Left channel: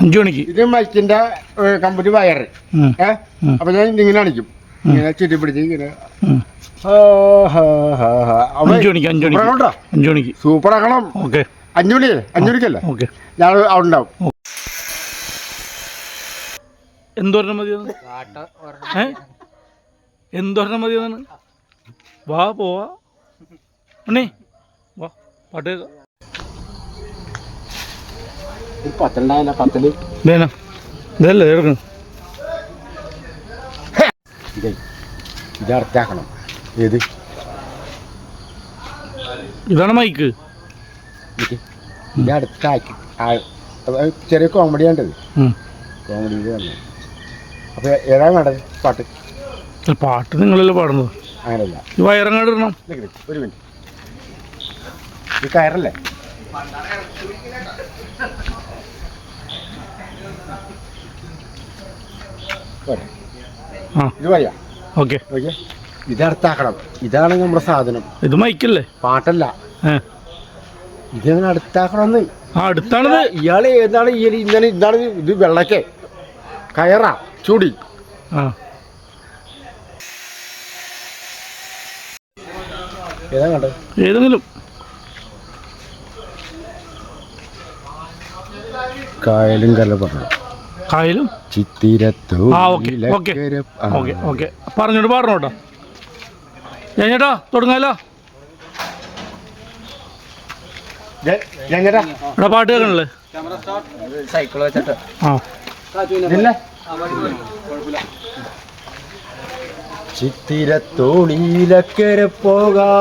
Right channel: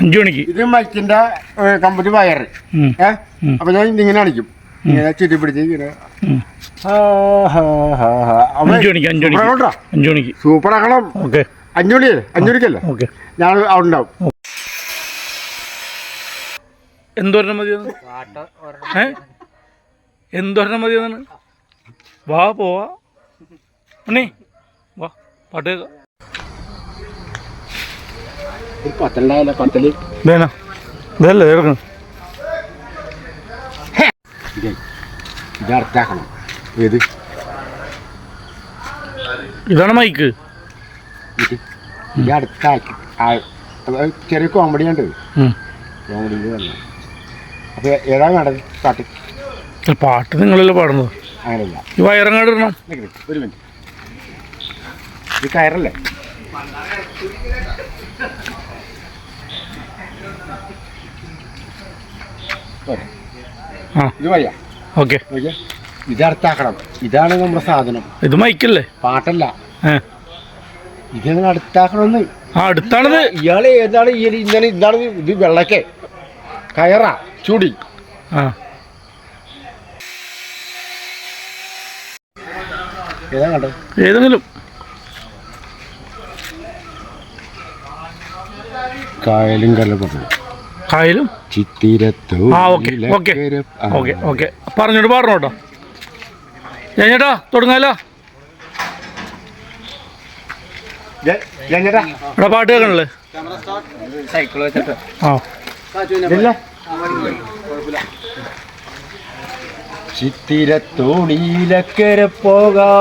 5 മണിക്ക്. ഇത് മൈക്കിന്റെ കമ്പനി വയറ്. അപ്പൊ ഞാൻ ഇങ്ങനെ അടിക്കും, ഇങ്ങനെ ചുറ്റി പിടിച്ച് ഇങ്ങനെ. 5 മണിക്ക് സൂപ്പർ ആക്കണം. ഓക്കെ, 5 മണിക്കല്ലേ? ഓക്കെ, ഞാൻ അവിടെ ഉണ്ടാവും. എന്തോരണം മതിയാണ്? എന്തോരണം മതിയാണ്? വാ പോവാ അണ്ണേ, വാ പാട്ട് കേൾക്കാം. ഇതല്ലേ കേൾക്കണം. ഇതർത്താക്കണം. ഏത്? ഇതാണ് മൈക്ക്. ഇത് അടുത്താക്കി ചെറിയ കോമഡി ഉണ്ട്. കോമഡി പറഞ്ഞു. അപ്പൊ ഏതാണ് വേണ്ടത് പാട്ട്? പാട്ട് നിങ്ങളല്ലേ പാടുന്നത്? അങ്ങനെയല്ല, ഈ വയറങ്ങാട് ഇടണം. ഒരു മിനിറ്റ്, ഈ കയറല്ലേ? ഇത് വയ്യ. ഓക്കെ, ഇത് അടുത്താക്കണം. ഇതാണ് നമ്മുടെ സാധനം. ഇത് മൈക്കല്ലേ, പാട്ടല്ല. ഇതെങ്ങനെ അടുത്താക്കണമെന്ന്? അടുത്താണത്. ഇയാള് ഏതാണ്? ഇങ്ങനെ ഇതാണ്. ഇത് വെള്ളക്കെ കയറാ ചൂടി. ഏതാ കണ്ടത്? ഏതെങ്കിലും കായലും കല്ലപ്പെട്ടു. കായലും ചിത്തിരത്തു. പറഞ്ഞോട്ട് പാടണോട്ടോ. ഞാൻ ചേട്ടാ തുടങ്ങാലോ. എടാ പാട്ട് കേൾക്കണല്ലേ? സൈക്കിൾ വെച്ചിട്ട് ചിത്തിരത്തോണിയിലക്കര പോകാ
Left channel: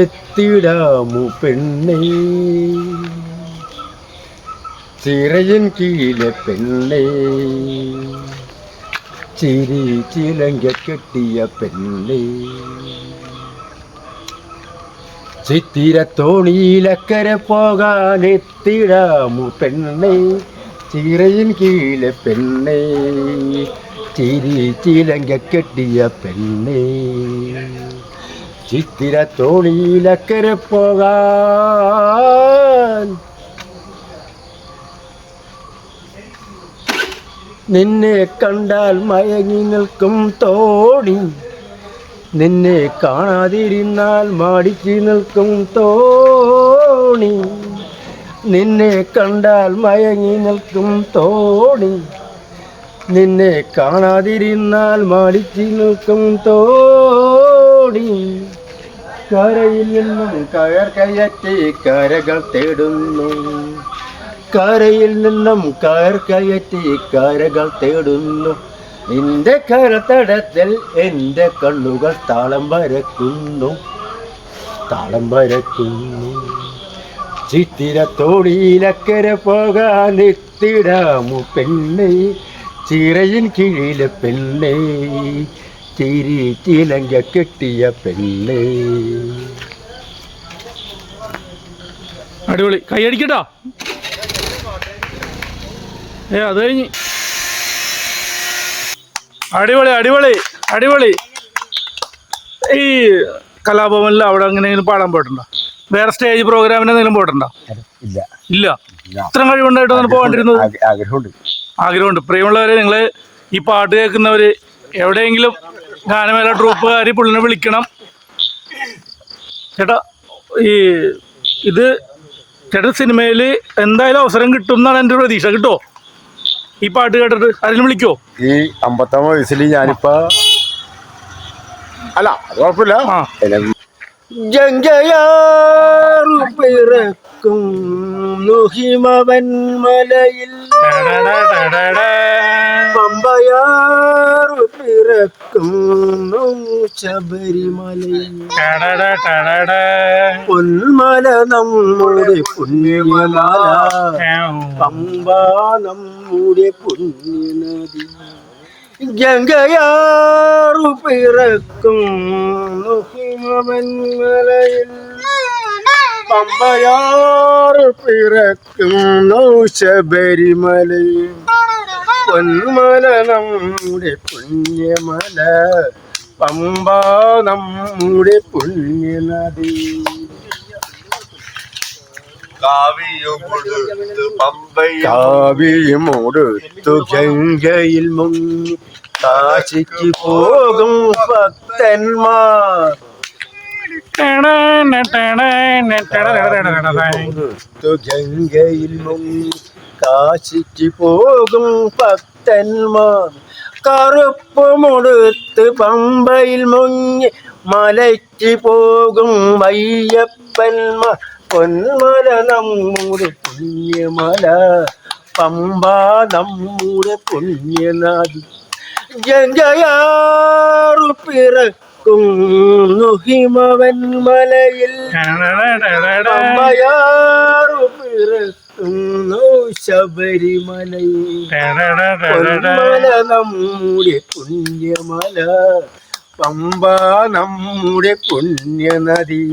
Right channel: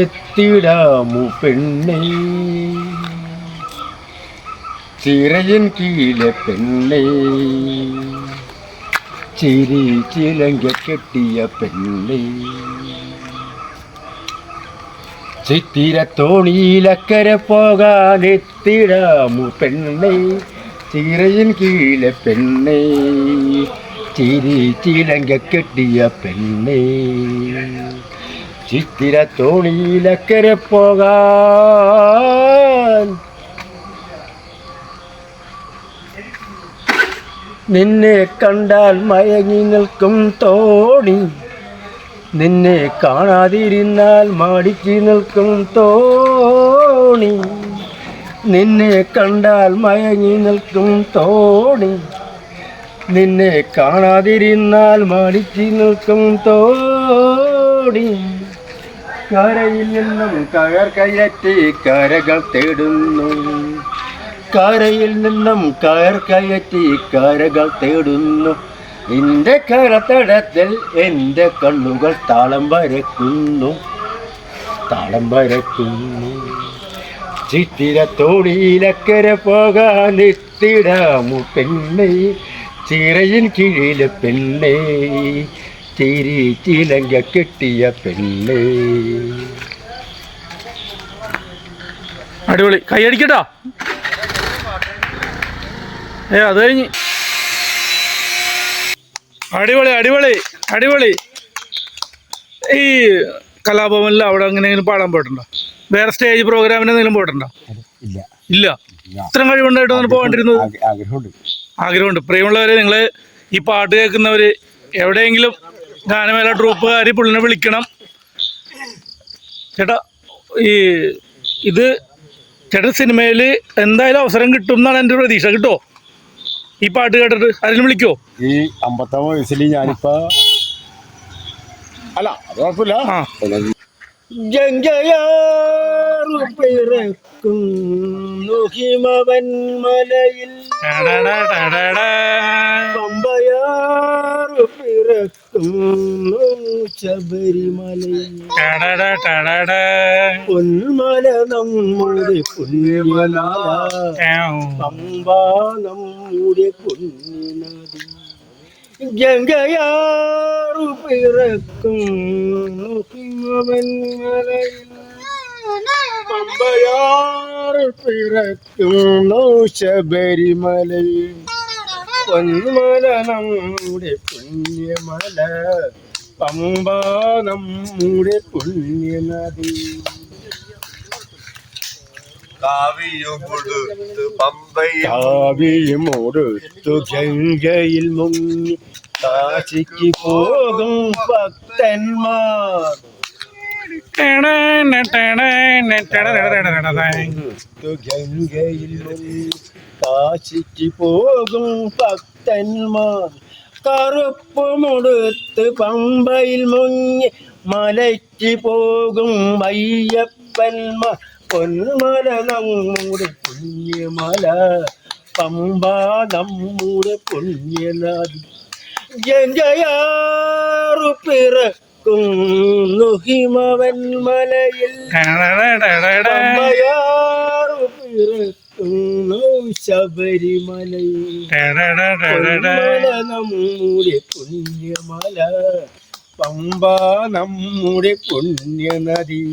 എത്തിടാമു പെണ്ണേ, ചിറയൻ കീഴെ പെണ്ണേ, ചിരി ചിലങ്ക കെട്ടിയ പെണ്ണേ, ചിത്തിരത്തോണിയിലക്കര പോകാൻ എത്തിടാമു പെണ്ണേ, ചിറയൻ കീഴെ പെണ്ണേ, ചിരി ചിലങ്ക കെട്ടിയ പെണ്ണേ, ചിത്തിരത്തോണിയിലക്കര പോകാൻ. നിന്നെ കണ്ടാൽ മയങ്ങി നിൽക്കും തോണി, നിന്നെ കാണാതിരുന്നാൽ മാടിച്ചു നിൽക്കും തോണി, നിന്നെ കണ്ടാൽ മയങ്ങി നിൽക്കും തോണി, നിന്നെ കാണാതിരുന്നാൽ മാടിച്ചു നിൽക്കും തോണി. കരയിൽ നിന്നും കയർ കയറ്റി കരകൾ തേടുന്നു, കരയിൽ നിന്നും കയർ കയറ്റി കരകൾ തേടുന്നു, നിന്റെ കരത്തടത്തിൽ എൻ്റെ കണ്ണുകൾ താളം വരക്കുന്നു, താളം വരക്കുന്നു. ചിത്തിരത്തോണിയിലക്കര പോകാൻ എത്തിടാമു പെണ്ണേ, ചിറയിൻ കീഴിലെ പെണ്ണേ, ചിരി ചിലങ്ക കെട്ടിയ പെണ്ണേ. അടിപൊളി, കൈയടിക്കട്ടോ. അത് കഴിഞ്ഞ് അടിപൊളി അടിപൊളി അടിപൊളി. ഈ കലാഭവനിൽ അവിടെ എങ്ങനെയെങ്കിലും പാടാൻ പോയിട്ടുണ്ടോ? വേറെ സ്റ്റേജ് പ്രോഗ്രാമിന് എന്തെങ്കിലും പോയിട്ടുണ്ടോ? ഇല്ല. ഇത്ര കഴിവുണ്ടായിട്ടാണ് പോകേണ്ടിരുന്നത്. ആഗ്രഹമുണ്ട്. പ്രിയമുള്ളവരെ, നിങ്ങൾ ഈ പാട്ട് കേൾക്കുന്നവർ എവിടെയെങ്കിലും ഗാനമേള ട്രൂപ്പുകാരി പുള്ളിനെ വിളിക്കണം ചേട്ടാ. ഇത് ചേട്ടൻ സിനിമയിൽ എന്തായാലും അവസരം കിട്ടും എന്നാണ് എൻ്റെ പ്രതീക്ഷ. കിട്ടുമോ ഈ പാട്ട് കേട്ടിട്ട്? അതിന് വിളിക്കുമോ? ഈ 50ാം വയസ്സിൽ ഞാനിപ്പോ അല്ല, അത് കുഴപ്പമില്ല. ഹിമവൻ മലയിൽ പമ്പയാറു പിറക്കുന്നു ശബരിമലയിൽ, പൊന്മല നമ്മുടെ പുണ്യമല, പമ്പ നമ്മുടെ പുണ്യനദി, ഗംഗയാറു പിറക്കുന്നു ഹിമവൻ മലയിൽ, പമ്പയാറു പിറക്കുന്നു ശബരിമലയിൽ, പൊന്മല നമ്മുടെ പുണ്യമല, പമ്പ നമ്മുടെ പുണ്യനദി. കാവിയുമൊടുത്ത് കാവിയുമൊടുത്തു ഗംഗയിൽ മുങ്ങി കാശിക്ക് പോകും ഭക്തന്മാർ ഗംഗയിൽ മുങ്ങി കാശിക്ക് പോകും ഭക്തന്മാർ കറുപ്പുമുടുത്ത് പമ്പയിൽ മുങ്ങി മലയ്ക്ക് പോകും അയ്യപ്പന്മാർ പൊന്മല നമ്മുടെ പുണ്യമല പമ്പ നമ്മുടെ പുണ്യനാഥ് ഗംഗയാറു പിറക്കുന്നു ഹിമവന്മലയിൽ പമ്പയാറു പിറക്കുന്നു ശബരിമലയിൽ പൊന്മല നമ്മുടെ പുണ്യമല പമ്പ നമ്മുടെ പുണ്യനദി